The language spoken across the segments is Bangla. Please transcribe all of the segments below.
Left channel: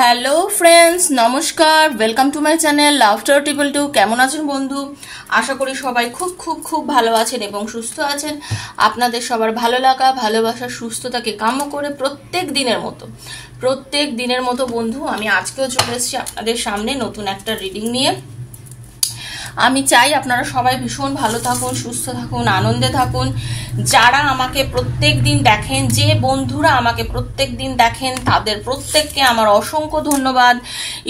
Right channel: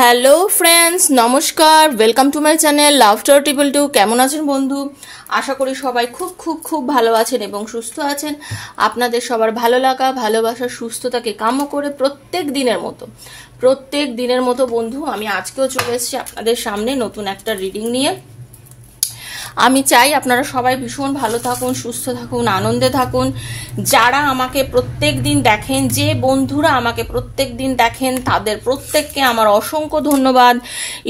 হ্যালো ফ্রেন্ডস, নমস্কার। Welcome to my channel love star triple two. কেমন আছেন বন্ধু? আশা করি সবাই খুব খুব খুব ভালো আছেন এবং সুস্থ আছেন। আপনাদের সবার ভালো লাগা, ভালোবাসা, সুস্থতাকে কাম্য করে প্রত্যেক দিনের মতো বন্ধু আমি আজকেও চলে এসেছি আপনাদের সামনে নতুন একটা রিডিং নিয়ে। আমি চাই আপনারা সবাই ভীষণ ভালো থাকুন, সুস্থ থাকুন, আনন্দে থাকুন। যারা আমাকে প্রত্যেক দিন দেখেন, যে বন্ধুরা আমাকে প্রত্যেক দিন দেখেন, তাদের প্রত্যেককে আমার অসংখ্য ধন্যবাদ।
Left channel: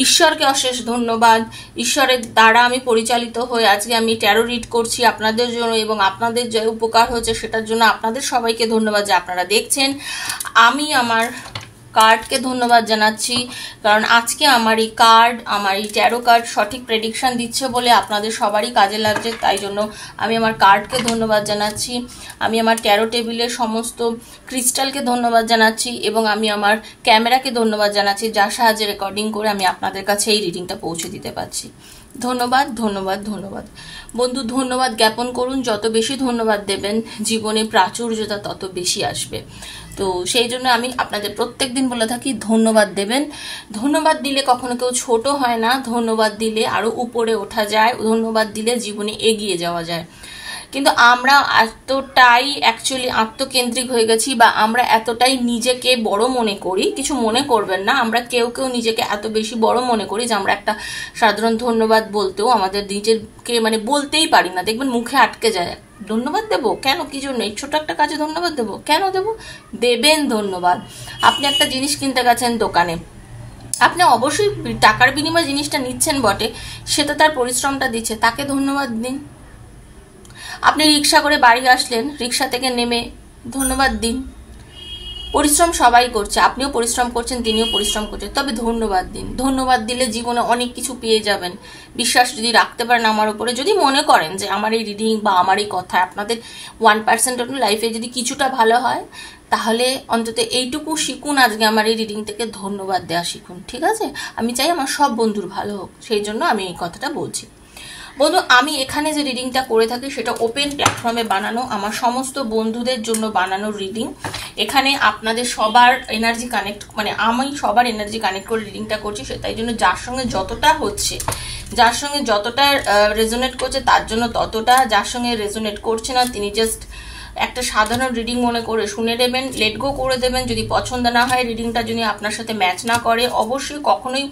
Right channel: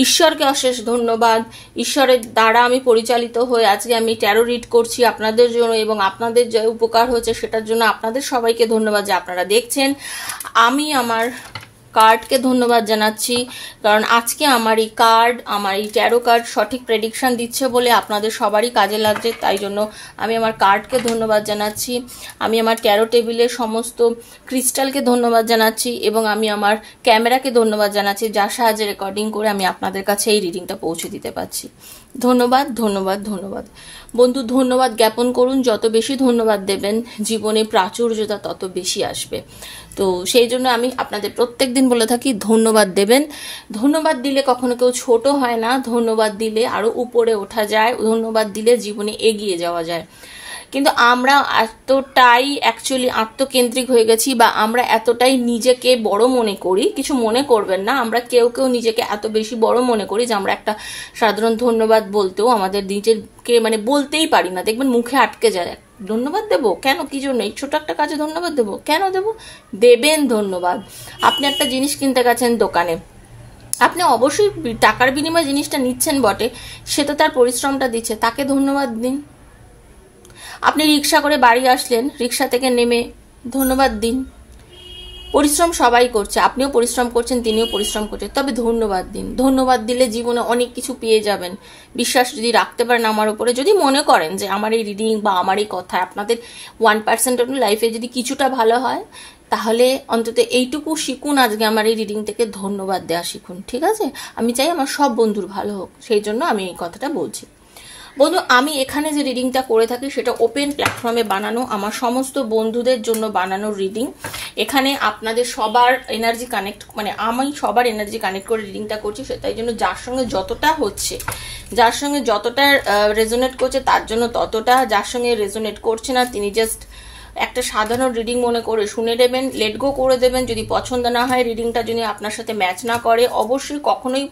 ঈশ্বরকে অশেষ ধন্যবাদ। ঈশ্বরের দ্বারা আমি পরিচালিত হয়ে আজকে আমি ট্যারো রিড করছি আপনাদের জন্য, এবং আপনাদের যে উপকার হচ্ছে সেটার জন্য আপনাদের সবাইকে ধন্যবাদ যে আপনারা দেখছেন। আমি আমার কার্ডকে ধন্যবাদ জানাচ্ছি, কারণ আজকে আমার এই ট্যারো কার্ড সঠিক প্রেডিকশন দিচ্ছে বলে আপনাদের সবারই কাজে লাগছে। তাই জন্য আমি আমার কার্ডকে ধন্যবাদ জানাচ্ছি, আমি আমার ট্যারো টেবিলের সমস্ত ক্রিস্টালকে ধন্যবাদ জানাচ্ছি, এবং আমি আমার ক্যামেরাকে ধন্যবাদ জানাচ্ছি, যার সাহায্যে রেকর্ডিং করে আমি আপনাদের কাছে এই রিডিংটা পৌঁছে দিতে পারছি। ধন্যবাদ ধন্যবাদ ধন্যবাদ বন্ধু। ধন্যবাদ জ্ঞাপন করুন। যত বেশি ধন্যবাদ দেবেন জীবনে প্রাচুর্যতা তত বেশি আসবে। তো সেই জন্য আমি আপনাদের প্রত্যেক দিন বলে থাকি ধন্যবাদ দেবেন। ধন্যবাদ দিলে কখনো কেউ ছোট হয় না, ধন্যবাদ দিলে আরো উপরে ওঠা যায়, ধন্যবাদ দিলে জীবনে এগিয়ে যাওয়া যায়। কিন্তু আমরা এতটাই অ্যাকচুয়ালি আত্মকেন্দ্রিক হয়ে গেছি, বা আমরা এতটাই নিজেকে বড় মনে করি, কিছু মনে করবেন না, আমরা কেউ নিজেকে এত বেশি বড় মনে করি যে আমরা একটা সাধারণ ধন্যবাদ বলতেও আমাদের নিজেকে বলতেই পারি না। দেখবেন মুখে আটকে যায়, ধন্যবাদ দেবো কেন, কি জন্য, এই ছোট একটা কাজে ধন্যবাদ দেবো কেন দেবো? দেবেন ধন্যবাদ। আপনি একটা জিনিস কিনতে গেছেন দোকানে, আপনি অবশ্যই টাকার বিনিময়ে জিনিসটা নিচ্ছেন বটে, সে তো তার পরিশ্রমটা দিচ্ছে, তাকে ধন্যবাদ দিন। আপনি রিক্সা করে বাড়ি আসলেন, রিক্সা থেকে নেমে ধন্যবাদ দিন। পরিশ্রম সবাই করছে, আপনিও পরিশ্রম করছেন, তিনিও পরিশ্রম করছেন, তবে ধন্যবাদ দিন। ধন্যবাদ দিলে জীবনে অনেক কিছু পেয়ে যাবেন। বিশ্বাস যদি রাখতে পারেন আমার উপরে, যদি মনে করেন যে আমার এই রিডিং বা আমার এই কথা আপনাদের 1% লাইফে যদি কিছুটা ভালো হয়, তাহলে অন্তত এইটুকু শিখুন, আজকে আমার এই রিডিং থেকে ধন্যবাদ দেওয়া শিখুন। ঠিক আছে? আমি চাই আমার সব বন্ধুর ভালো হোক, সেই জন্য আমি এই কথাটা বলছি। বন্ধু, আমি এখানে যে রিডিংটা করে থাকি সেটা ওপেন প্ল্যাটফর্মে বানানো, আমার সমস্ত বন্ধুদের জন্য বানানো রিডিং। এখানে আপনাদের সবার এনার্জি কানেক্ট, আমি সবার এনার্জি কানেক্ট করে রিডিংটা করছি, তাই জন্য যার সঙ্গে যতটা হচ্ছে, যার সঙ্গে যতটা রেজোনেট করছে তার জন্য ততটা, যার সঙ্গে রেজোনেট করছে না তিনি জাস্ট একটা সাধারণ রিডিং মনে করে শুনে নেবেন, লেট গো করে দেবেন। যদি পছন্দ না হয়, রিডিংটা যদি আপনার সাথে ম্যাচ না করে, অবশ্যই কখনোই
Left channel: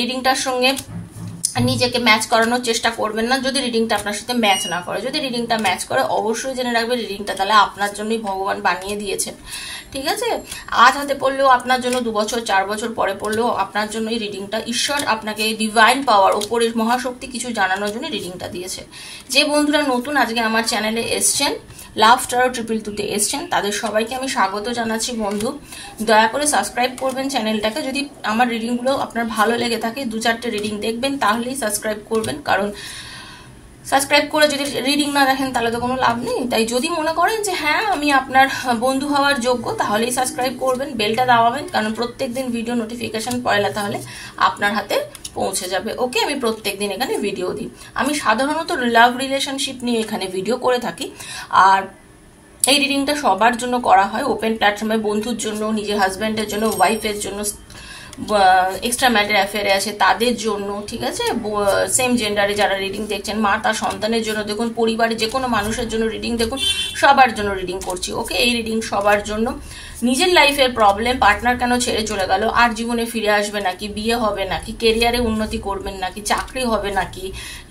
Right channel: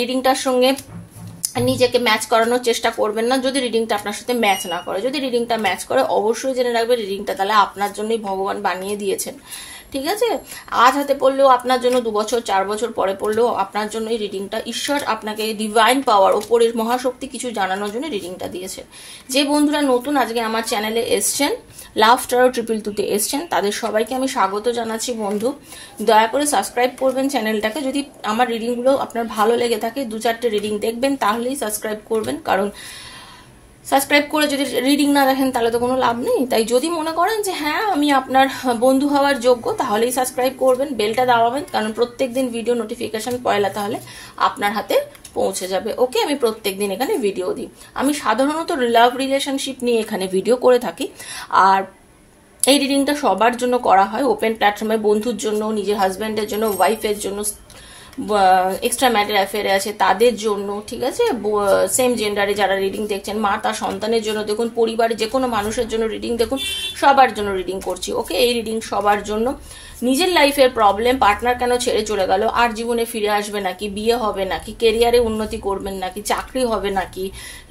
রিডিংটার সঙ্গে নিজেকে ম্যাচ করানোর চেষ্টা করবেন না যদি রিডিংটা আপনার সাথে ম্যাচ না করে। যদি রিডিংটা ম্যাচ করে, অবশ্যই জেনে রাখবেন রিডিংটা তাহলে আপনার জন্যই ভগবান বানিয়ে দিয়েছেন। ঠিক আছে? আজ হাতে পড়লেও আপনার জন্য, 2 বছর 4 বছর পরে পড়লেও আপনার জন্য এই রিডিংটা, ঈশ্বর আপনাকে ডিভাইন পাওয়ার, উপরের মহাশক্তি কিছু জানানোর জন্য রিডিংটা দিয়েছে। যে বন্ধুরা নতুন আজকে আমার চ্যানেলে এসছেন, লাভ স্টার ট্রিপল টুতে এসছেন, তাদের সবাইকে আমি স্বাগত জানাচ্ছি। বন্ধু, দয়া করে সাবস্ক্রাইব করবেন চ্যানেলটাকে। যদি আমার রিডিংগুলো আপনার ভালো লেগে থাকে, 2-4টে রিডিং দেখবেন, তাহলেই সাবস্ক্রাইব করবেন। কারণ সাবস্ক্রাইব করে যদি রিডিং না দেখেন তাহলে তো কোনো লাভ নেই। তাই যদি মনে করেন যে হ্যাঁ আমি আপনার বন্ধু হওয়ার যোগ্য, তাহলেই সাবস্ক্রাইব করবেন, বেলটা দাবাবেন, কারণ প্রত্যেকদিন ভিডিও নোটিফিকেশন পয়লা তাহলে আপনার হাতে পৌঁছে যাবে। ওকে? আমি প্রত্যেকদিন এখানে ভিডিও দিই। আমি সাধারণত লাভ রিলেশনশিপ নিয়ে এখানে ভিডিও করে থাকি, আর এই রিডিংটা সবার জন্য করা হয় ওপেন প্ল্যাটফর্মে, বন্ধুর জন্য, নিজের হাজব্যান্ডের জন্য, ওয়াইফের জন্য, এক্সট্রা ম্যাটার অ্যাফেয়ারে আছে তাদের জন্য। ঠিক আছে? সেম জেন্ডারে যারা রিডিং দেখছেন, মা তার সন্তানের জন্য দেখুন, পরিবারে যে কোনো মানুষের জন্য রিডিং দেখুন, সবার জন্য রিডিং করছি। ওকে? এই রিডিং সবার জন্য। নিজের লাইফের প্রবলেম, পার্টনার কেন ছেড়ে চলে গেল, আর জীবনে ফিরে আসবে নাকি, বিয়ে হবে নাকি, কেরিয়ারে উন্নতি করবেন নাকি, চাকরি হবে নাকি,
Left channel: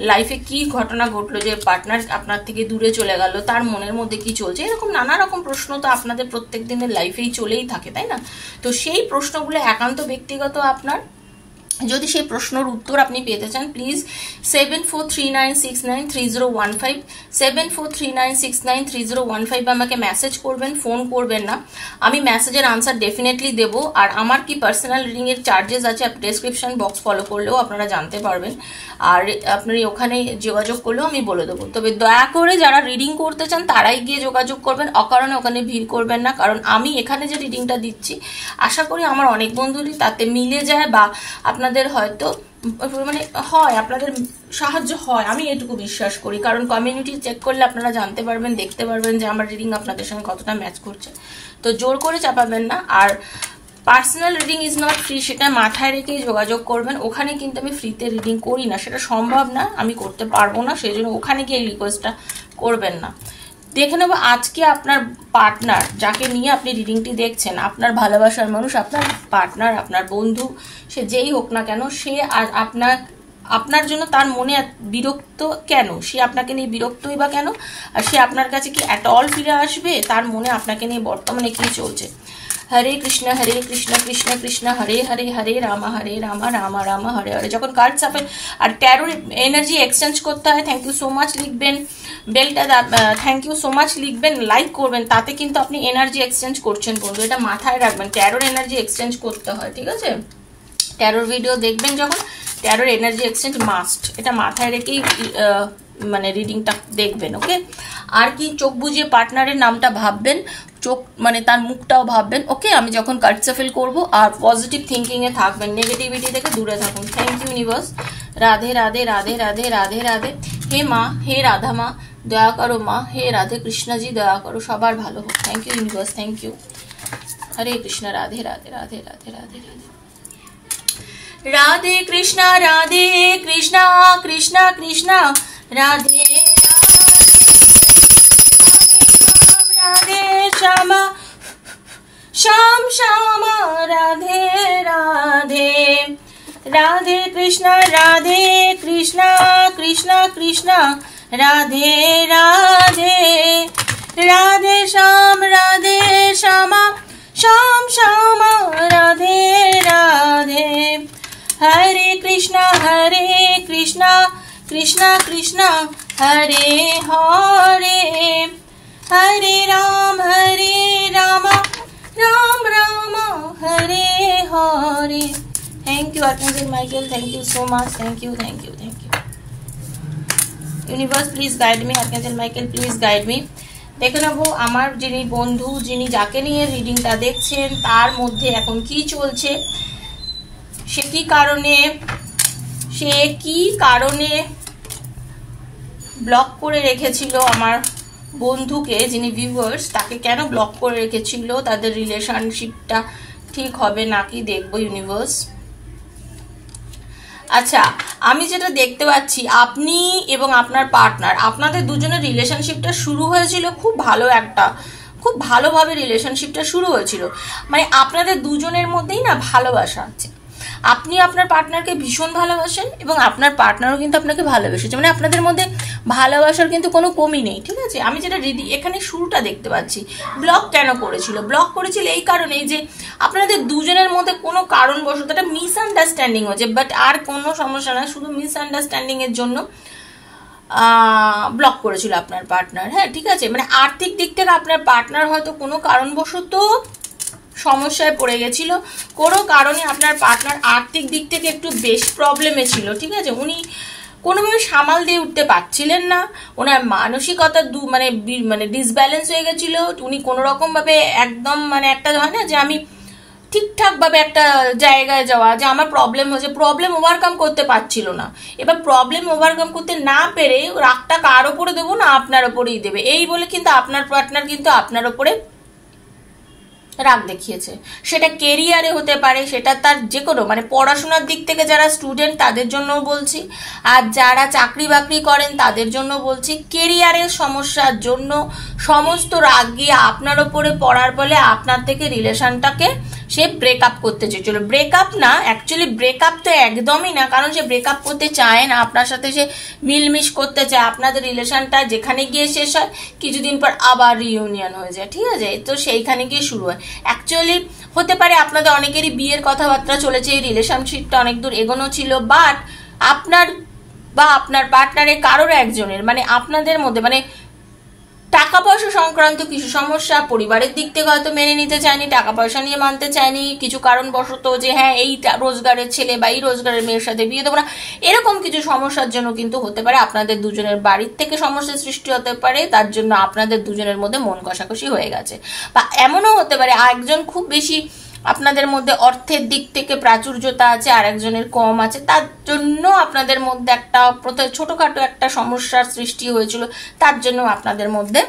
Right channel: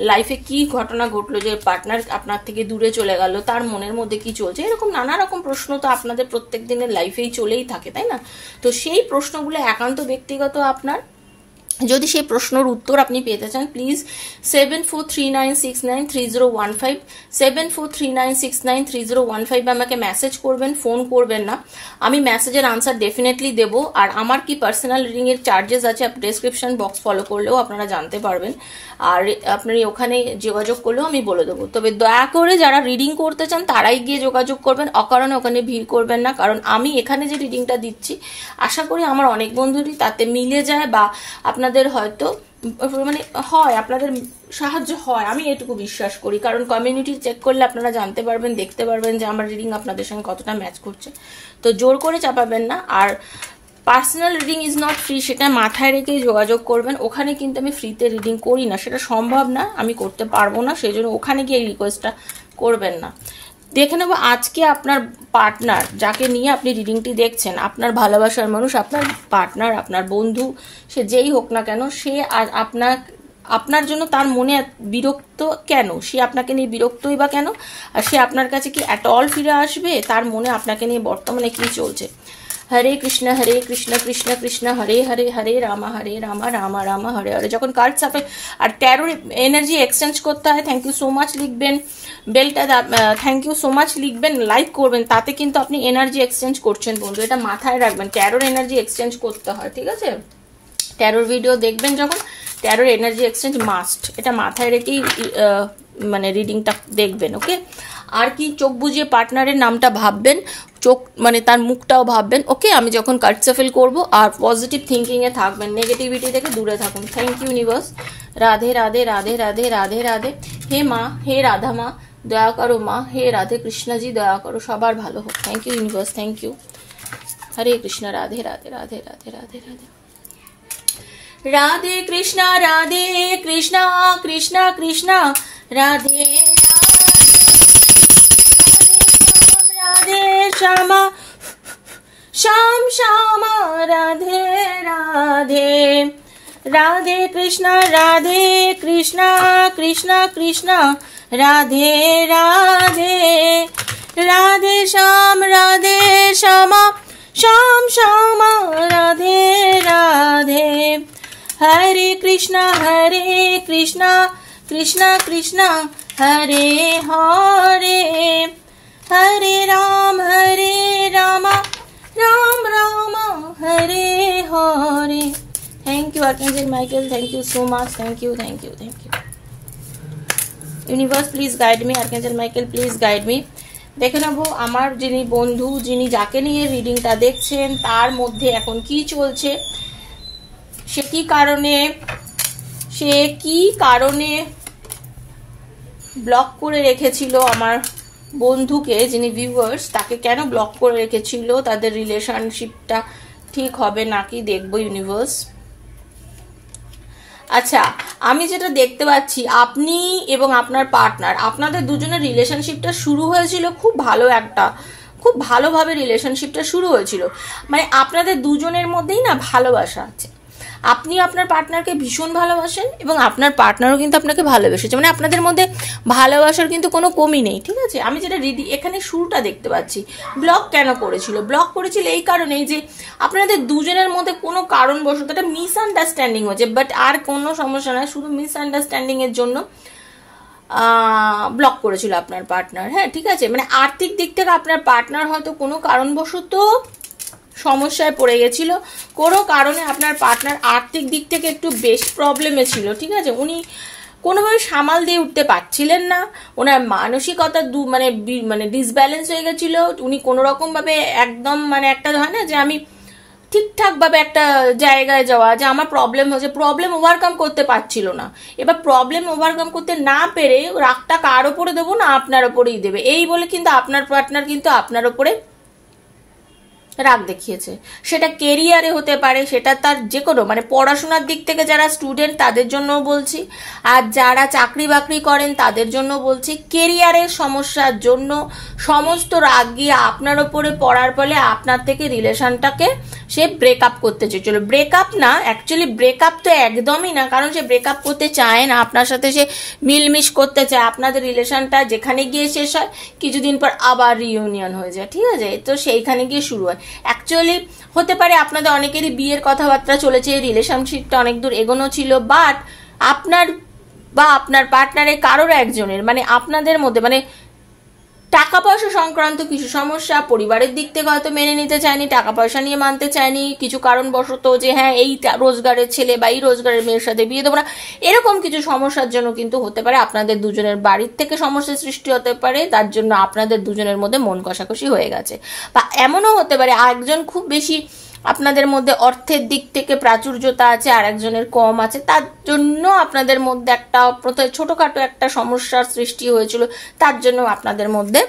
লাইফে কি ঘটনা ঘটলো যে পার্টনার আপনার থেকে দূরে চলে গেল, তার মনের মধ্যে কি চলছে, এরকম নানা রকম প্রশ্ন তো আপনাদের প্রত্যেক দিনের লাইফেই চলেই থাকে, তাই না? তো সেই প্রশ্নগুলো একান্ত ব্যক্তিগত আপনার। যদি সেই প্রশ্নের উত্তর আপনি পেতে চান, প্লিজ 7439693015 7439693015 আমাকে মেসেজ করবেন, ফোন করবেন না। আমি মেসেজের আনসার ডেফিনেটলি দেবো। আর আমার কি পার্সোনাল রিডিং এর চার্জেস আছে, ডেসক্রিপশন বক্স ফলো করলেও আপনারা জানতে পারবেন, আর আপনারা ওখানে যোগাযোগ করলেও আমি বলে দেবো। তবে দয়া করে যারা রিডিং করতে চান তারাই গিয়ে যোগাযোগ করবেন, অকারণে ওখানে ভিড় করবেন না। কারণ আমি এখানে যে রিডিংটা দিচ্ছি, আশা করি আমার অনেক বন্ধুরই তাতে মিলে যায়, বা আপনাদের হয়তো হয়, আপনাদের সাহায্য হয়, আমি এটুকু বিশ্বাস করি। কারণ কমিউনিটি চেক করলে আপনারা জানতে পারবেন, দেখতে পারবেন যে আমার রিডিং আপনাদের সঙ্গে কতটা ম্যাচ করছে। তো জোর করে চাপাবেন না। আর personal reading is not free, সেটা মাথায় রেখেই যোগাযোগ করবেন। ওখানে কিন্তু আমি ফ্রিতে রিডিং করি না, সেটা সম্ভব না, আমি করতে পারবো না, সেই জন্য ওখানে গিয়ে রিকোয়েস্টটা করবেন না। দেখে নেবো আজকে আপনার পার্টনার, যাকে নিয়ে আপনি রিডিংটি দেখছেন, আপনার ভালোবাসার মানুষ, আপনার পার্টনার, আপনার বন্ধু, সে যেই হোক না কেন, সে আর আপনার জন্য তার মনে বিরক্ত কেন, সে আপনাকে নিয়ে বিরক্তই বা কেন, আর সে আপনার কাছে কি অ্যাট অল ফিরে আসবে, তার মনে আপনাকে নিয়ে বর্তমানে কি চলছে। হরে কৃষ্ণ কৃষ্ণ কৃষ্ণ হরে হরে, হরে রামা রামা রামা হরে হরে। যখন কার্ড সাফেল আর ট্যারোর এনার্জি এক্সচেঞ্জ করতে হয়, থ্যাংক ইউ সো মাচ লিখবেন, বেলটা থ্যাংক ইউ সো মাচ লিখবেন, লাইক করবেন, তাতে কিন্তু আপনি এনার্জি এক্সচেঞ্জ করছেন বন্ধু, এটা মাথায় রাখবেন। ট্যারোর এনার্জি এক্সচেঞ্জ করতে হয়, ঠিক আছে? ট্যারোর ভিডিও দেখবেন যখন, ট্যারোর এনার্জি এক্সচেঞ্জ মাস্ট, এটা মাথায় রেখেই মানে রিডিংটা দেখবেন, ওকে? আর কি, চোখ বুঝিয়ে পার্টনারের নামটা ভাববেন, চোখ মানে তার মুখটাও ভাববেন, ওকে? আমি যখন কার্ড সাফেল করবো, আর পজিটিভ থিঙ্কিং এ থাকবেন, নেগেটিভিটি থেকে দূরে থাকুন। Thank you universe. Radhe Radhe Radhe Radhe Radhe Radhe. হে মা, হে রাধা মা, দয়া করো মা, হে রাধে কৃষ্ণজি দয়া করো, সবার ভালো হোক। Thank you universe, thank you. Hare Krishna, Radhe Radhe Radhe Radhe Radhe Radhe. Radhe Krishna Krishna Krishna, Radhe Radhe Shyama Shyam Shyama, Radhe Radhe. Radhe Krishna Krishna Krishna, Radhe Radhe. Radhe Shyama Shyam Shyama, Radhe Radhe. Hare Krishna Krishna Krishna, Hare Hare, Hare Ram Ram Ram, Hare Hare. Thank you archangel Michael, thank you so much, thank you thank you thank you. Universe please guide me, আর্কএঞ্জেল Michael please guide me. দেখে নেবো আমার যিনি বন্ধু, যিনি যাকে নিয়ে রিডিংটা দেখছেন, তার মধ্যে এখন কি চলছে, সে কি কারণে ব্লক করে রেখেছিল আমার বন্ধুকে, যিনি ভিউয়ার্স, তাকে কেন ব্লক করে রেখেছিল, তাদের রিলেশনশিপটা ঠিক হবে নাকি দেখবো ইউনিভার্স। আচ্ছা, আমি যেটা দেখতে পাচ্ছি, আপনি এবং আপনার পার্টনার, আপনাদের দুজনের রিলেশনশিপটা শুরু হয়েছিল খুব ভালোভাবে রিলেশনশিপটা শুরু হয়েছিল, মানে আপনাদের দুজনের মধ্যেই না ভালোবাসা আছে, আপনি আপনার পার্টনারকে ভীষণ ভালোবাসেন এবং আপনার পার্টনারও কিন্তু আপনাকে ভালোবেসেছে, মানে আপনাদের মধ্যে ভালোবাসার কিন্তু কোনো কমই নেই, ঠিক আছে? আমি যেটা এখানে শুরুটা দেখতে পাচ্ছি, ব্লক কেন করেছিল, ব্লক করেছিল এই কারণেই যে আপনাদের দুজনের মধ্যে কোনো কারণবশত একটা মিসআন্ডারস্ট্যান্ডিং হয়েছে, বাট আর কোনো সমস্যা নয়, শুধু মিসআন্ডারস্ট্যান্ডিং এর জন্য ব্লক করেছিল আপনার পার্টনার। হ্যাঁ, ঠিক আছে, মানে আর্থিক দিক থেকে আপনার পার্টনার হয়তো কোনো কারণবশত সমস্যায় পড়ে গেছিল, কোনো কারণে আপনার পার্টনার আর্থিক দিক থেকে একটু বেশ প্রবলেমে ছিল, ঠিক আছে? উনি কোনোভাবে সামাল দিয়ে উঠতে পারছিলেন না, ওনার মানসিকতা মানে ডিসব্যালেন্স হয়ে গেছিল, উনি কোনো রকম ভাবে একদম মানে একটা হয় না যে আমি ঠিকঠাক ভাবে একটা জায়গায় যাওয়া, যে আমার প্রবলেম হচ্ছে, প্রবলেম ওভারকাম করতে পারছিল না। এবার প্রবলেম ওভারকাম করতে না পেরে রাগটা কার ওপরে দেবো না, আপনার ওপরেই দেবে, এই বলে কিন্তু আপনার পার্টনার কিন্তু আপনার ওপরে রাগ দেখিয়েছে। সেটা কেরিয়ারে হতে পারে, সেটা তার যে কোনো মানে পড়াশোনার দিক থেকে যারা স্টুডেন্ট তাদের জন্য বলছি, আর যারা চাকরি বাকরি করেন তাদের জন্য বলছি, কেরিয়ারের সমস্যার জন্য সমস্ত রাগ গিয়ে আপনার ওপরে পড়ার বলে আপনার থেকে রিলেশনটাকে সে ব্রেকআপ করতে চেয়েছিল। ব্রেকআপ না, অ্যাকচুয়ালি ব্রেকআপ তো একদমই না, কারণ সে ব্রেকআপ করতে চায় না, আপনার সাথে সে মিলমিশ করতে চায়, আপনাদের রিলেশনটা যেখানে গিয়ে শেষ হয় কিছুদিন পর আবার রিইউনিয়ন হয়ে যায়, ঠিক আছে? তো সেইখানে গিয়ে শুরু হয়। অ্যাকচুয়ালি হতে পারে আপনাদের অনেকেরই বিয়ের কথাবার্তা চলেছে, রিলেশনশিপটা অনেক দূর এগোনো ছিল, বাট আপনার বা আপনার পার্টনারের কারোর একজনের মানে আপনাদের মধ্যে মানে টাকা পয়সা সংক্রান্ত কিছু সমস্যা, পরিবারের দিক থেকে হয়তো মেনে নিতে চায়নি, টাকা পয়সা নিয়ে মানতে চায়নি, কিছু কারণবশত যে হ্যাঁ এই রোজগারের ছেলে বা এই রোজগারের মেয়ের সাথে বিয়ে দেবো না, এরকম কিছু সমস্যার জন্য কিন্তু হতে পারে আপনাদের দুজনের বাড়ির থেকে সমস্যার সৃষ্টি হতে পারে, তার জন্য আপনাদের দুজনের মধ্যে মন কষাকষি হয়ে গেছে। বা এমনও হতে পারে একজন খুব বেশি আপনাদের মধ্যে অর্থের দিক থেকে প্রাচুর্যতা আছে আর একজনের কম আছে, তার জন্য আপনাদের মধ্যে একটা ছোটখাটো একটা সমস্যার সৃষ্টি হয়েছিল, তার জন্য আপনাদের মধ্যে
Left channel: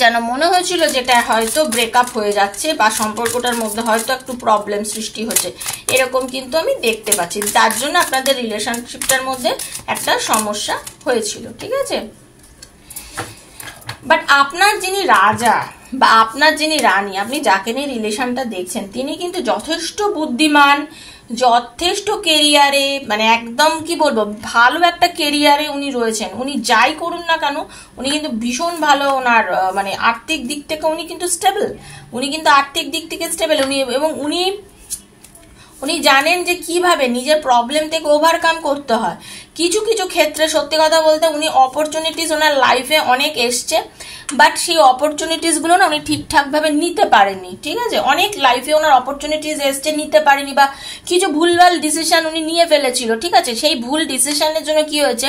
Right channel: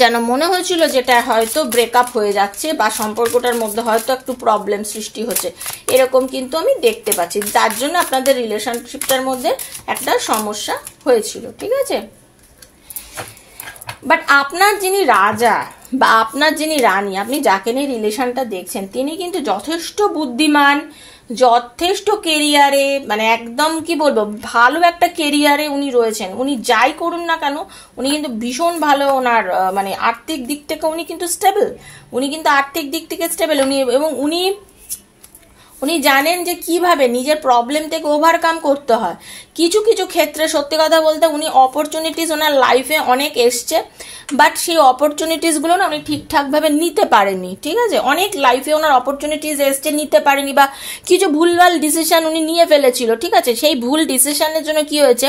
যেন মনে হয়েছিল যেটা হয়তো ব্রেকআপ হয়ে যাচ্ছে বা সম্পর্কটার মধ্যে হয়তো একটু প্রবলেম সৃষ্টি হচ্ছে, এরকম কিন্তু আমি দেখতে পাচ্ছি। তার জন্য আপনাদের রিলেশনশিপটার মধ্যে একটা সমস্যা হয়েছিল, ঠিক আছে। বাট আপনার যিনি রাজা বা আপনার যিনি রানী, আপনি যাকে নিয়ে রিলেশনটা দেখছেন, তিনি কিন্তু যথেষ্ট বুদ্ধিমান, যথেষ্ট কেরিয়ারে, মানে একদম কি বলবো, ভালো একটা কেরিয়ারে উনি রয়েছেন। উনি যাই করুন না কেন উনি কিন্তু ভীষণ ভালো, ওনার মানে আর্থিক দিক থেকে উনি কিন্তু স্টেবল, উনি কিন্তু আর্থিক দিক থেকে স্টেবল উনি, এবং উনি জানেন যে কিভাবে নিজের প্রবলেম থেকে ওভারকাম করতে হয়। কিছু কিছু ক্ষেত্রে সত্যি কথা বলতে উনি অপরচুনিটিস ওনার লাইফে অনেক এসছে, বাট সেই অপরচুনিটিসগুলো না উনি ঠিকঠাকভাবে নিতে পারেননি, ঠিক আছে। অনেক লাইফে ওনার অপরচুনিটিস এসছে, নিতে পারেনি, বা কিছু ভুলভাল ডিসিশন উনি নিয়ে ফেলেছিল, ঠিক আছে। সেই ভুল ডিসিশনের জন্য কি হয়েছে,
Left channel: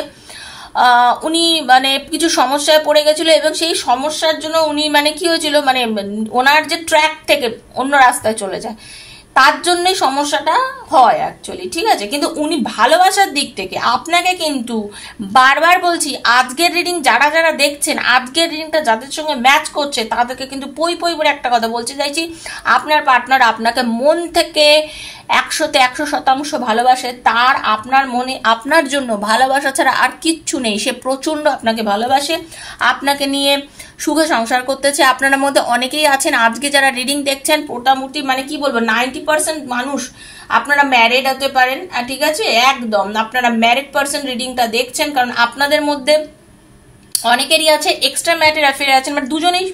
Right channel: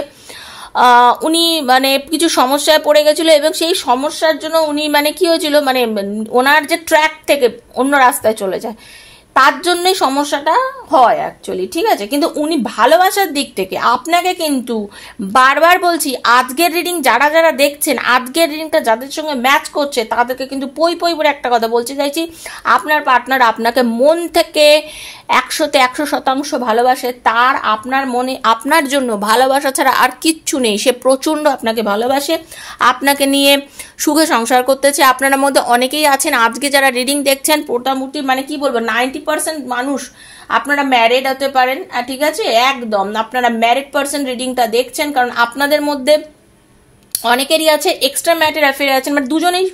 উনি মানে কিছু সমস্যায় পড়ে গেছিল, এবং সেই সমস্যার জন্য উনি মানে কি হয়েছিল, মানে ওনার যে ট্র্যাক থেকে অন্য রাস্তায় চলে যায়, তার জন্যই সমস্যাটা হয় অ্যাকচুয়ালি, ঠিক আছে। কিন্তু উনি ভালোবাসার দিক থেকে আপনাকে কিন্তু বারবার বলছি, আজকের রিডিং যারা যারা দেখছেন, আজকের রিডিংটা যাদের সঙ্গে ম্যাচ করছে তাদেরকে কিন্তু পই পই করে একটা কথা বলতে চাইছি, আপনার পার্টনার আপনাকে মন থেকে 100-তে 100% ভালোবাসে। তার আপনার মনে আপনার জন্য ভালোবাসা ছাড়া আর কিচ্ছু নেই। সে প্রচন্ড আপনাকে ভালোবাসে, আপনাকে নিয়ে সুখে সংসার করতে চায়। আপনার মধ্যে অনেকেই আছেন আজকে যারা রিডিং দেখছেন, মোটামুটি মানে কি বলবো 90% মানুষ আপনারা ম্যারিড হতে পারেন, ঠিক আছে। একদম আপনারা ম্যারিড পার্সন রিডিংটা দেখছেন, কারণ আপনাদের মধ্যে অনেকেরই আছে এক্সট্রা ম্যারিড অ্যাফেয়ার আছেন, বাট দুজনেই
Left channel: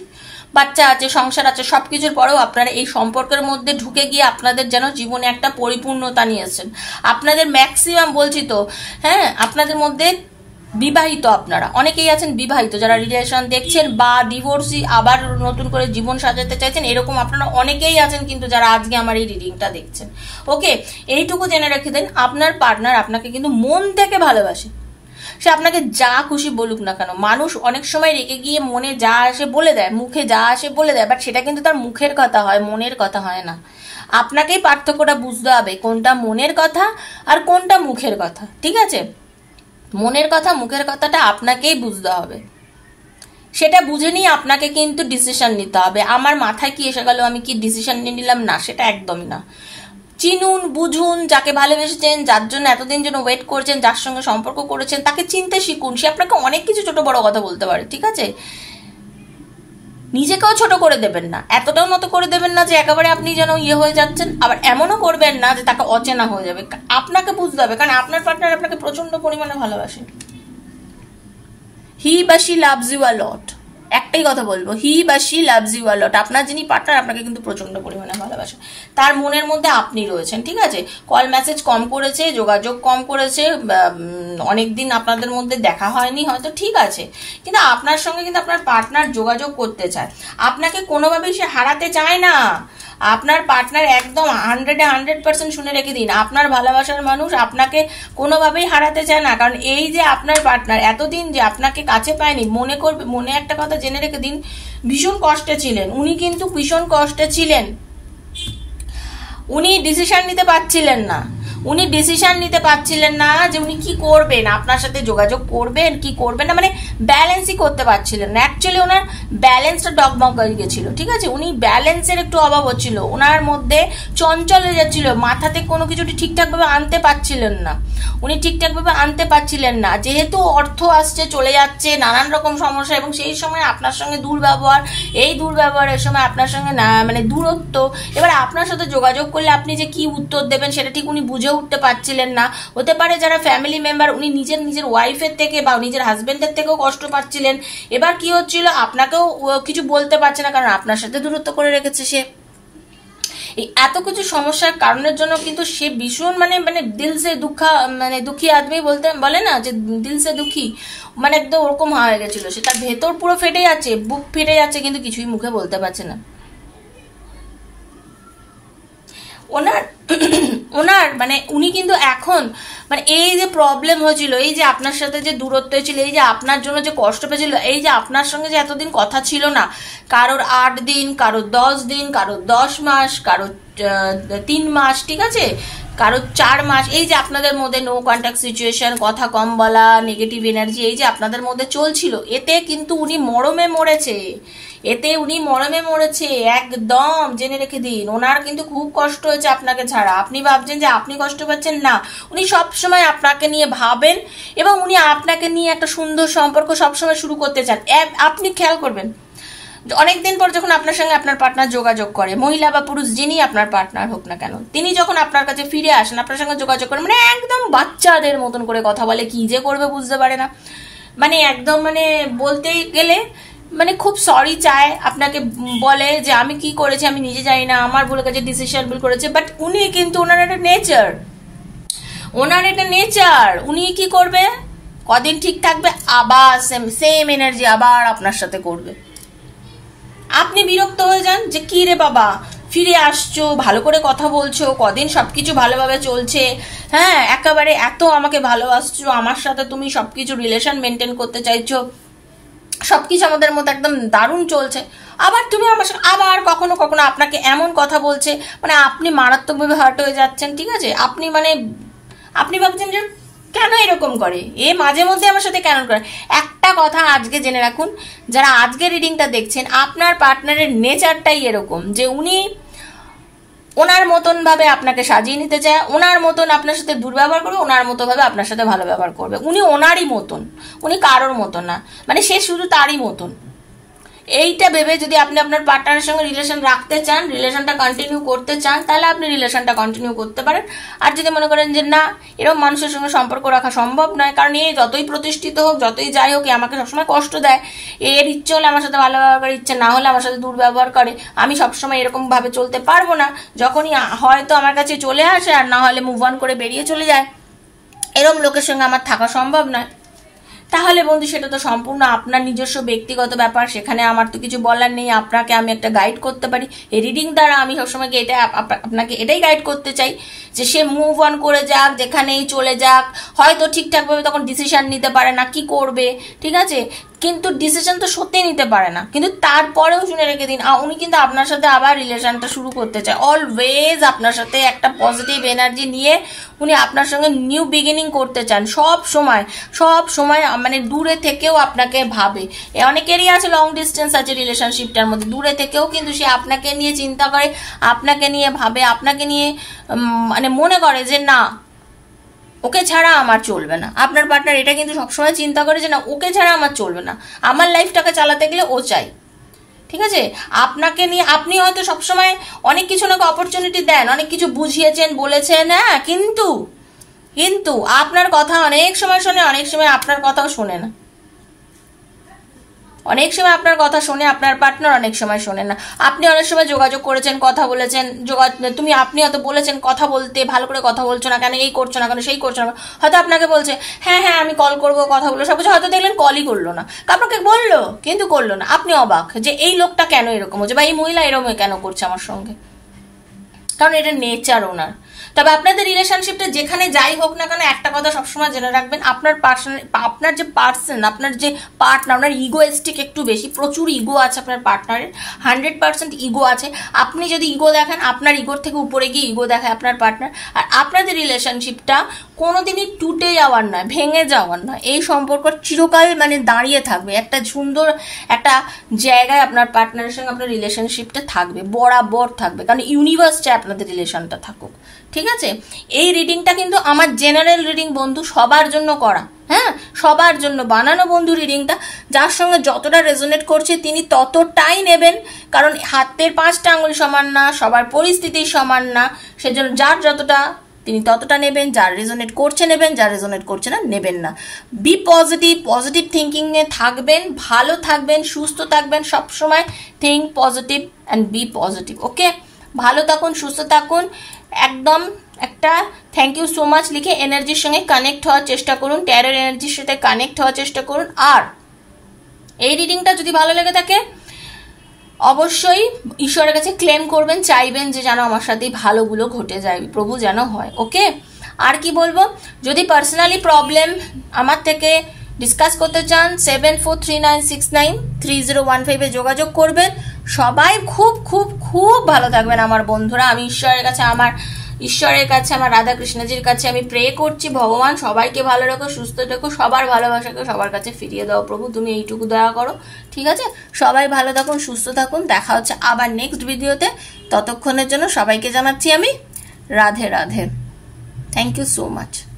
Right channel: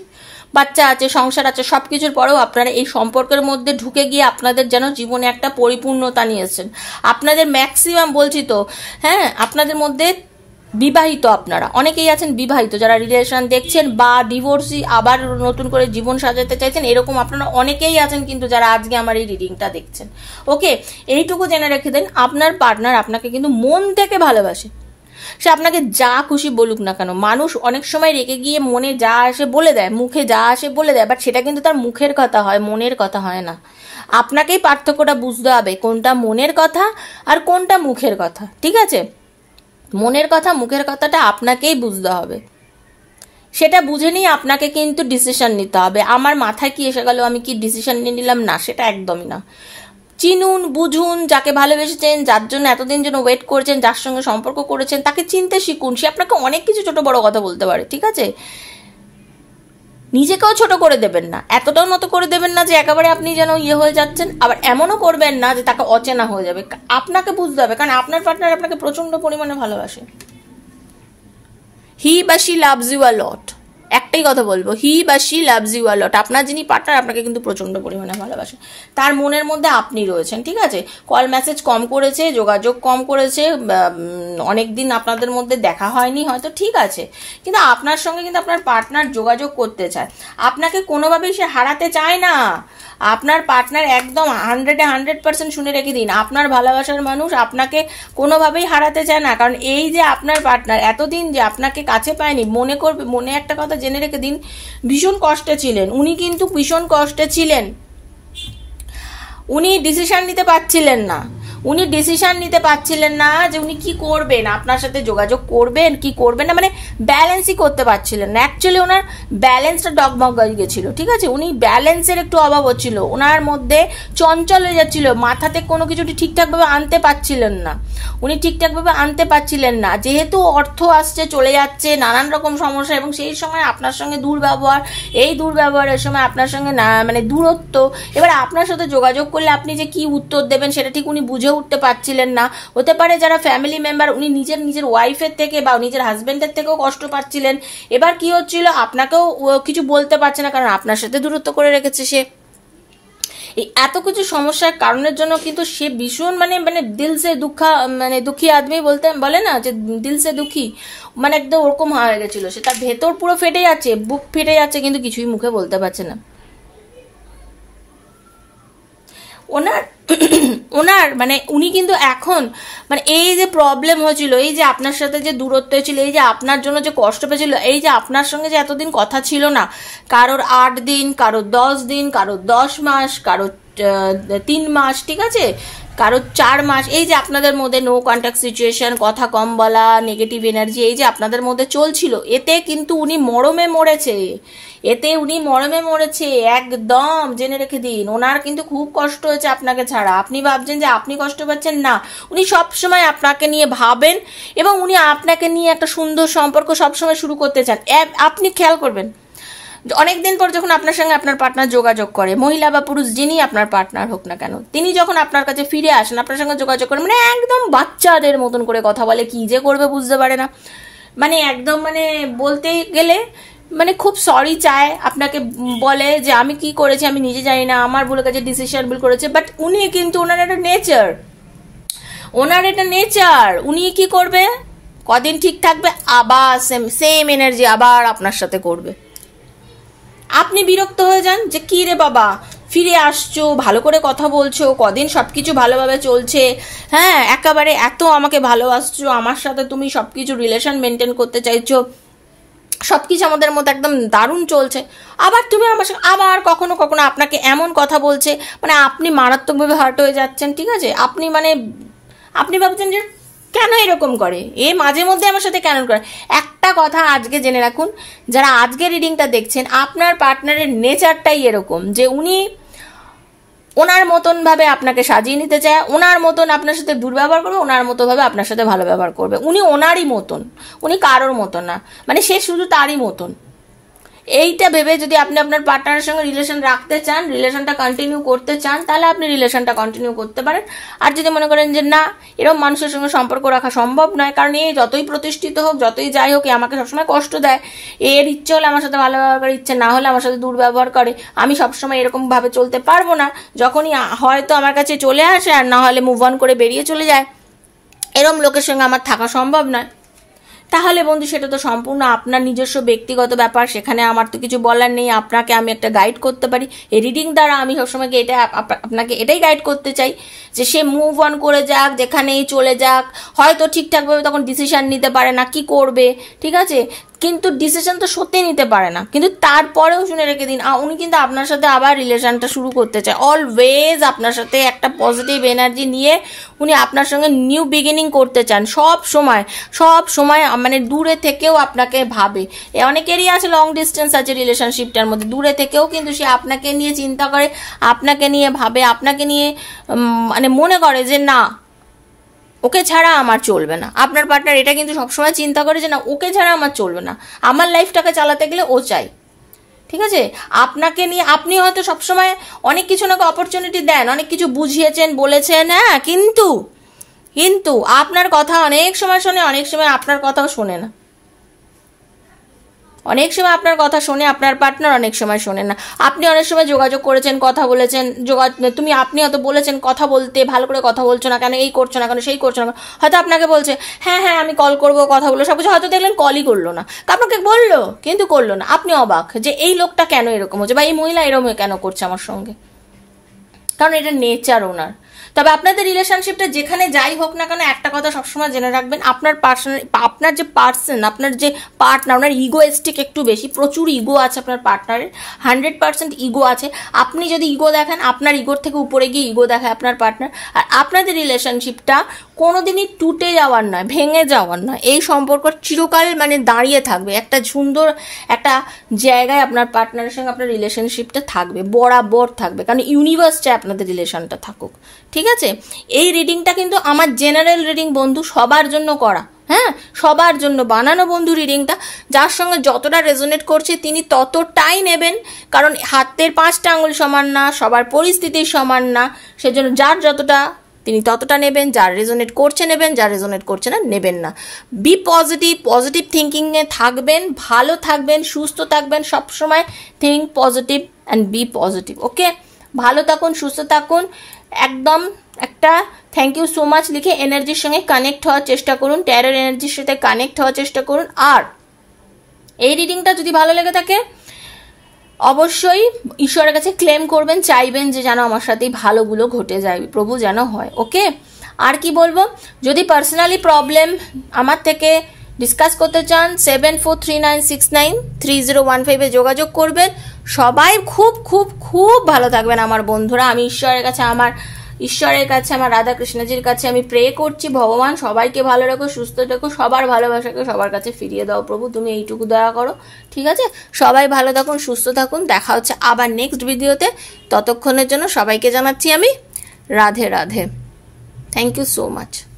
বাচ্চা আছে, সংসার আছে, সবকিছুর পরেও আপনারা এই সম্পর্কের মধ্যে ঢুকে গিয়ে আপনাদের যেন জীবনে একটা পরিপূর্ণতা নিয়েছেন। আপনাদের ম্যাক্সিমাম বলছি তো, হ্যাঁ, আপনাদের মধ্যে বিবাহিত, আপনারা অনেকেই আছেন বিবাহিত যারা রিলেশন দেখছেন, বা ডিভোর্সি আবার নতুন করে জীবন সাজাতে চাইছেন, এরকম আপনারা অনেকেই আছেন কিন্তু যারা আজকে আমার এই রিডিংটা দেখছেন। ওকে, এইটুকু জেনে রেখে দেন, আপনার পার্টনার আপনাকে কিন্তু মন থেকে ভালোবাসে। সে আপনাকে যা খুশি বলুক না কেন, মানুষ অনেক সময় রেগে গিয়ে মনে যা আসে বলে দেয়, মুখে যা আসে বলে দেয়, বাট সেটা কিন্তু তার মুখের কথা হয়, মনের কথা হয় না। আপনাকেই পার্থক্যটা বুঝতে হবে, কোনটা মনের কথা আর কোনটা মুখের কথা, ঠিক আছে। মনের কথা মুখের কথাটা আপনাকেই বুঝতে হবে, সেটা বুঝে নিয়ে আপনাকে কিন্তু ডিসিশন নিতে হবে। আমার মাথায় কি এসে গেল আমি কি ডিসিশন নিয়ে নিলাম, না, সেটা একদমই না। চিনুন, বুঝুন, যাকে ভালোবেসেছেন, যার জন্য এতদিন যেন ওয়েট করছেন, যার সঙ্গে সম্পর্ক করেছেন, তাকে চিনতে শিখুন। সে আপনাকে অনেক কিছু ছোট বড় কথা বলতে পারে, ঠিক আছে। নিজেকেও ছোট করে দেবেন না, এতটাও মতো করে দেবেন না যে একেবারে আপনি যেন ইয়ে হয়ে যাচ্ছেন, আবার এমনও করবেন না যে তাকে অচেনা হয়ে যাবে। আপনাকে বুঝতে হবে, কারণ আপনার পার্টনার আপনাকে প্রচন্ড পরিমাণে ভালোবাসে। হি বা শি লাভস ইউ আ লট, একটাই কথা বলবো, হি বা শি লাভস ইউ আ লট। আপনার যিনি পার্টনার আপনাকে কিন্তু প্রচন্ড পরিমাণে ভালোবাসে, তার মনের মধ্যে আপনি রয়েছেন, ঠিক আছে। কল মেসেজ কম করেছে, যোগাযোগ কম করেছে, অনেকদিন আপনাদের মধ্যে দেখা হয়নি হয়তো, ঠিক আছে, কিন্তু আপনার সঙ্গে কিন্তু আপনার পার্টনার যোগাযোগ করতে চায়, আপনাকে কোনোভাবেই সে হারাতে চায় না। আপনার পার্টনার একদম 100% শুনে রেখে দিন, আপনার ভালোবাসার মানুষ আপনাকে কোনোভাবেই হারাতে চায় না। কারণ এই যে আপনার পার্টনার এতদিন যে আপনাকে কাছে পায়নি, মনে করবে, মনে একটা কথা জেনে রেখে দিন, ভীষণ কষ্টে ছিলেন উনি, কিন্তু ভীষণ কষ্টে ছিলেন। উনি ডিসিশন নিতে পারছিলেন না, উনি ডিসিশন নিতে পারছিলেন না যে উনি কি করবেন, আপনার সাথে যোগাযোগ করবেন কি করবেন না, মানে ব্যালেন্সই করতে পারছিলেন না। অ্যাকচুয়ালি ওনার ব্যালেন্সটা ডগমগ হয়ে গেছিল, ঠিক আছে। উনি ব্যালেন্সের একটু অভাব হচ্ছিল, ওনার মধ্যে চঞ্চল হয়ে যাচ্ছিল, মাথাতে কোনো কিছু ঠিকঠাকভাবে আনতে পারছিলেন না, উনি ঠিকঠাকভাবে আনতে পারছিলেন না। যেহেতু অর্থ আসছে চলে যাচ্ছে, নানান রকম সমস্যা, এবং সেই সময় আপনার সঙ্গে দুর্ব্যবহার, এই দুর্ব্যবহারের সময় আপনার সঙ্গে না মানে দূরত্ব, এবার আপনার সাথে যোগাযোগ করলে আপনি যে কি উত্তর দেবেন সেটা ঠিক উনি বুঝে উঠতে পারছিলেন না। হতে পারে যারা ফ্যামিলি মেম্বার, উনি নিজের ওয়াইফের থেকে বা নিজের হাজবেন্ডের থেকেও কষ্ট পাচ্ছিলেন। এবার কি হচ্ছিল, আপনাকেও কিছু বলতে পারছে না, কারণ আপনার সাথে দূরত্ব করে রেখেছে সে। এই এত কিছু সমস্যার কারণের জন্য কিন্তু সে ভীষণ মানে দিল সে দুঃখী আদমি বলে না যে দিল সে দুঃখী, মানে একদম ওরকম হয়ে গেছিল। সে তার ভেতর পুরো ফেটে যাচ্ছে, বুক ফেটে যাচ্ছে, কিন্তু কিছুই মুখে বলতে পারছে না। ওনার মানে উনি কিন্তু এখন মানে এই যে প্রবলেম হয়েছিল, এই যে আপনার সাথে যে দূরত্ব হয়েছিল, এই যে আপনার জন্য যে কষ্ট পেয়েছিল, এই যে আপনার সঙ্গে যে এতদিন কথা ছিল না, কারোর 8 দিন, কারোর 10 দিন, কারোর 10 মাস, কারোর 3 মাস, ঠিক আছে, কারো 4 মাস, এই যে আপনাদের মধ্যে নো কন্ট্যাক্ট সিচুয়েশন, কথা কম বলা, নেগেটিভ এনার্জি, এই যে আপনাদের মধ্যে চলছিল, এতে কিন্তু উনি মরমে মরেছে, একদম জেনে রেখে দিন। ওনার কিন্তু খুব কষ্ট হয়েছে আপনাকে ছাড়া। আপনি ভাবছেন যে আপনি কষ্ট পাচ্ছেন, না, উনি সবসময় আপনাকে নিয়ে ভাবেন এবং উনি আপনাকে নিয়ে একটা সুন্দর সম্পর্ক সবসময় শুরু করতে চান। আপনি খেয়াল করবেন, অনেকদিন পর যখন আপনার সঙ্গে আপনার পার্টনার যোগাযোগ করে, মহিলা বা পুরুষ যিনি আপনার পার্টনার হোক না কেন, তিনি যখন আপনার কাছে ফিরে আসেন, আপনার সঙ্গে যোগাযোগ করেন, মানে একদম বাচ্চাদের মতন করে কথা বলে, কি যে করবে বুঝতে পারে না, মানে একদম মানে বলতে গেলে মানে খুব সরি চায়, আপনাকে বলে যে আমি কি করেছি আমি নিজে জানি না, আমার ভুলে গেছে, ডিসিশন ভুল করেছে। বাট উনি কিন্তু ওনার একটা নেচার, উনি কি করবে, কদিন ঠিক থাকবে, আবার সেম এনার্জি আবার আপনার সাথে করবে। আপনি বিরক্ত হয়ে যান যে কি রে বাবা, ফিরে আসছো, ভালো করে কথা বলছো, কদিন সবকিছু ভালোভাবে চলছে, হ্যাঁ, একেবারে এত আমাকে ভালোবাসছো, আমার সাথে তুমি সবকিছু রিলেশন মেনটেন করতে চাইছো, সবকিছু আমাদের মধ্যে একদম দারুণ চলছে, আবার তুমি আমার সাথে আবার কখনো কখনো আপনাকে এমন কথা বলছে, মানে আপনি মারাত্মকভাবে হার্ট হয়ে যাচ্ছেন, ঠিক আছে, আপনি ভাবছেন যে কেন এরকম করে, মাঝে মধ্যে আমার সাথে কেন করে। একটা কথা আজকে জেনে রাখুন, যারা আজকে রিডিংটা দেখছেন, আপনার পার্টনারের নেচারটাই এরকম যে উনি ওনার মতন ভাবে আপনাকে সাজিয়ে নিতে চায়, ওনার মতন আপনার সাথে দুর্ব্যবহার করবে, ওনার মতো ভাবে আপনার সাথে ভালো ব্যবহার করবে। উনি ওনারই মতন, উনি কারোর মতন না, মানে সে শুধু তারই মতন। এইটা ভেবে যদি আপনি আপনার পার্টনারের সঙ্গে রিলেশন রাখতে চান, রিলেশনটা কন্টিনিউ করতে চান, তাহলে আপনি রিলেশনটা কন্টিনিউ করতে পারেন। আর যদি মনে করেন যে না, এরকম মানুষের সঙ্গে সম্পর্ক রাখা সম্ভব নয়, কারণ এই যতই প্রতিষ্ঠিত হোক, যতই যাই হোক, আমাকে সবসময় কষ্ট দেয়, এর ইচ্ছে হলে আমার সাথে ভালো ব্যবহার করে, ইচ্ছে না হলে আমার সাথে দুর্ব্যবহার করে, আমি সবসময় এরকম ভাবে চলতে পারবো না, যখনই হয়তো আমার কাছে চলে আসে আর না হলে মুভ অন করে বেরিয়ে চলে যায়, এরকম লোকের সঙ্গে আমার থাকা সম্ভব নয়। তাহলে বন্ধু সেটা তো সম্পূর্ণ আপনার নিজস্ব ব্যক্তিগত ব্যাপার, সেখানে আমার তো কিছু বলার নেই। আপনাকে আমি একটা গাইড করতে পারি, এই রিডিং দ্বারা আমি সবসময় আপনাকে এটাই গাইড করতে চাই যে সে মুভ অন করে যাক, যেখানেই চলে যাক, হয়তো ঠিকঠাকভাবে তখন ডিসিশন নিতে পারে না কি করবে, ঠিক আছে, কিন্তু ডিসিশন তো সত্যি নিতে পারে না, কিন্তু তারপরেও শুনে রেখে দিন, উনি কিন্তু আপনার সাথে আবার রিলেশনটা শুরু করতে চায়, অলওয়েজ আপনার সাথে একটা পজিটিভ এনার্জি নিয়ে উনি আপনার সঙ্গে নিউ বিগিনিং করতে চান, সব সময় মানে দূরে থেকেও আপনাকে ভাবে। অনেকেরই আছে লং ডিস্টেন্স আছে রিলেশনশিপটার মধ্যে, দূরে থেকেও কিন্তু সে আপনাকে নিয়ে চিন্তা করে, আপনাকে নিয়ে ভাবে, আপনাকে নিয়ে মানে মনে করে যে না, ওকে ছাড়া আমার চলবে না। আপনার পার্টনার এটা কিন্তু সবসময় চিন্তা করে যে না, ওকে ছাড়া আমার চলবে না, আমার লাইফটাকে চালাতে গেলে ও চাই, ঠিক আছে। আপনাকে নিয়ে আপনি হয়তো সবসময় অনেক কিছু নাকি অপরচুনিটি দেন, অনেক কিছু বুঝিয়েছেন, বলেছেন, হ্যাঁ, কিন্তু আপনার কথা অনেক সময় শোনে, অনেক সময় আপনার কথাও শোনে না, অনেক সময় আপনার কথা শোনে আপনার পার্টনার, অনেক সময় শোনে না। আপনি অনেক সময় যোগাযোগ করেছেন, কথা বলেছেন, আপনি হয়তো বলেছেন কথা বলতে, ভালো করে কথা বলছো না কেন, এই করছো না কেন, সেই করছো না, হয়তো আপনাকে বলছে হ্যাঁ আমি কল করবো, কথা বলবো, সবকিছু, হয়তো দেখলেন কলই করলো না, আপনাকে বললো কিন্তু করলো না, আপনি অবাক যে এই লোকটা কেন এরকম হচ্ছে, বা এই মহিলা এরকম কেন করছে আমার সঙ্গে, কারণ এটা নেচার ওনার। তবে আপনাদের রিলেশনশিপটা যেখানে যাই হোক না কেন, একটা কথা সবসময় জেনে রাখবেন, আপনার যে পার্টনার, ওনার ইগোয়েস্টিক একটু বেশি, প্রচুর ইগো আছে আপনার পার্টনারের, 100% ইগো আছে। আপনি যদি ইগো দেখেন, আপনার ইগোর থেকে উপরে গিয়ে ইগো দেখায় আপনার পার্টনার। আর আপনাদের রিলেশনশিপটা কোনোদিনই টুটে যাওয়ার নয়, ভেঙে যাওয়ার নয়, এই সম্পর্ক চিরকাল মানে দাঁড়িয়ে থাকবে, একটা সুন্দর একটা জায়গায় আপনার পার্টনারের সঙ্গে আপনার রিলেশনশিপটা থাকবে, বরাবর থাকবে, কারণ ইউনিভার্স চায় আপনাদের রিলেশনটা থাকুক, ঠিক আছে। এই রিডিংটা কিন্তু আমার জেনারেল রিডিং বন্ধু, সবার জন্য করা, হ্যাঁ, সবার জন্য বানানো বন্ধু রিডিংটা। যার সঙ্গে যতটা রেজোনেট করছে তিনি ততটাই নেবেন, কারণ হাতের 5টা আঙুল সমান না, সবার পরিস্থিতি সমান না, সেজন্য যার যতটা তিনি ততটা নেবেন, যার রেজোনেট করছে নেবেন, যার রেজোনেট করছে না নেবেন না। বি পজিটিভ থিঙ্কিং এ থাকবেন, ভালো থাকবেন, সুস্থ থাকবেন, সবসময় think positive and be positive, okay. ভালো থাকুন, সুস্থ থাকুন, একদম একটা থ্যাংক ইউ সো মাচ লিখে এনার্জির সঙ্গে কানেক্ট হওয়ার চেষ্টা করুন, ট্যারোর এনার্জির সাথে কানেক্ট হওয়ার চেষ্টা করুন। আর এই রিডিংটা যদি ভালো লেগে থাকে অবশ্যই ঈশ্বরের কাছে ক্লেম করবেন, চাইবেন যে যেন আমার সাথেই ভালোগুলো ঘটে যায়, প্রভু যেন হয়, ওকে। আর কি বলবো, যদি পার্সোনালি প্রবলেম আমার থেকে ডিসকাস করতে চান 7439693015 যোগাযোগ করবেন। সবাই খুব খুব খুব ভালো থাকবেন আমার বন্ধুরা। আমি ঈশ্বরের কাছে আমার রাধা কৃষ্ণজির কাছে আমি প্রে করছি, ভগবান সবাইকে ভালো রাখো, সুস্থ রাখো, সবার ভালোবাসাকে সবার কাছে ফিরিয়ে দাও প্রভু, তুমি এইটুকু দয়া করো। ঠিক আছে, সবাই ভালো থাকুন, সুস্থ থাকুন, দেখা হচ্ছে আবার নেক্সট ভিডিওতে। ততক্ষণের জন্য সবাইকে জানাচ্ছি আমি Radhe Radhe. Thank you so much.